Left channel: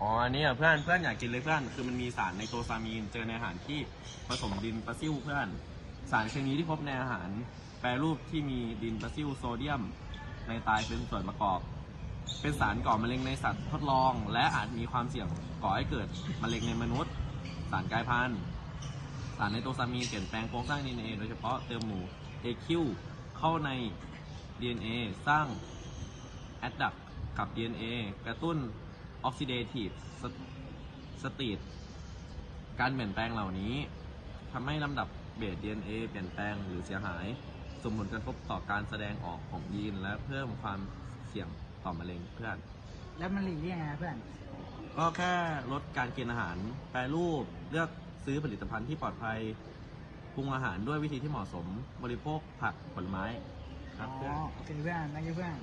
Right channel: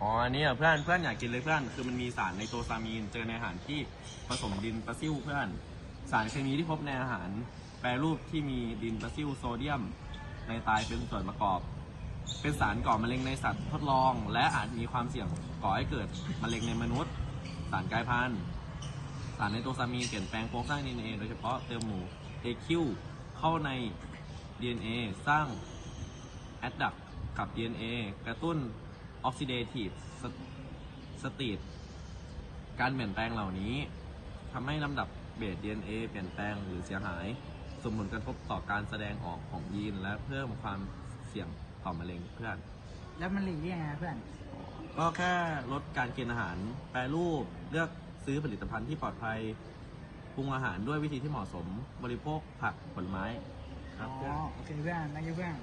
อ๋อนี่เพื่อนเพื่อนอยากกินเลยเพื่อนคือมันมีสารไนโตซามีนเจอในอาหารที่ผสมดินปลาซิวเพื่อน สารเคมีที่พบในอาหาร แปรรูปที่มีดินปลาซิวโซเดียมในไตเป็นส่วนประกอบ เป็นสารก่อมะเร็งในสัตว์ทดลอง และอาจมีความเสี่ยงก่อให้เกิดมะเร็งในมนุษย์ สารกลายพันธุ์สารไนโตซามีนเปลี่ยนแปลงโครงสร้าง DNA โดยเฉพาะเติมหมู่ AQ เข้าใน DNA สร้างแอดดักกับ DNA กระตุ้น ออกซิเดทีฟสตีตการเปลี่ยนแปลงเหล่านี้ทำให้ลำดับเบส DNA เปลี่ยนแปลงหรือเสียหายสมผลกระทบต่อการแสดงออกของยีนและเพิ่มความเสี่ยงต่อมะเร็งเพื่อน แล้วมันหลีกได้ไงนะเพื่อน ก็แค่ลดการกินอาหาร แปรรูป เลือกซื้อผลิตภัณฑ์ที่ปลอดภัยปรุงอาหารด้วยวิธีที่เหมาะสม บริโภคผักผลไม้ครับอ๋อโอเคเพื่อนนักเพื่อน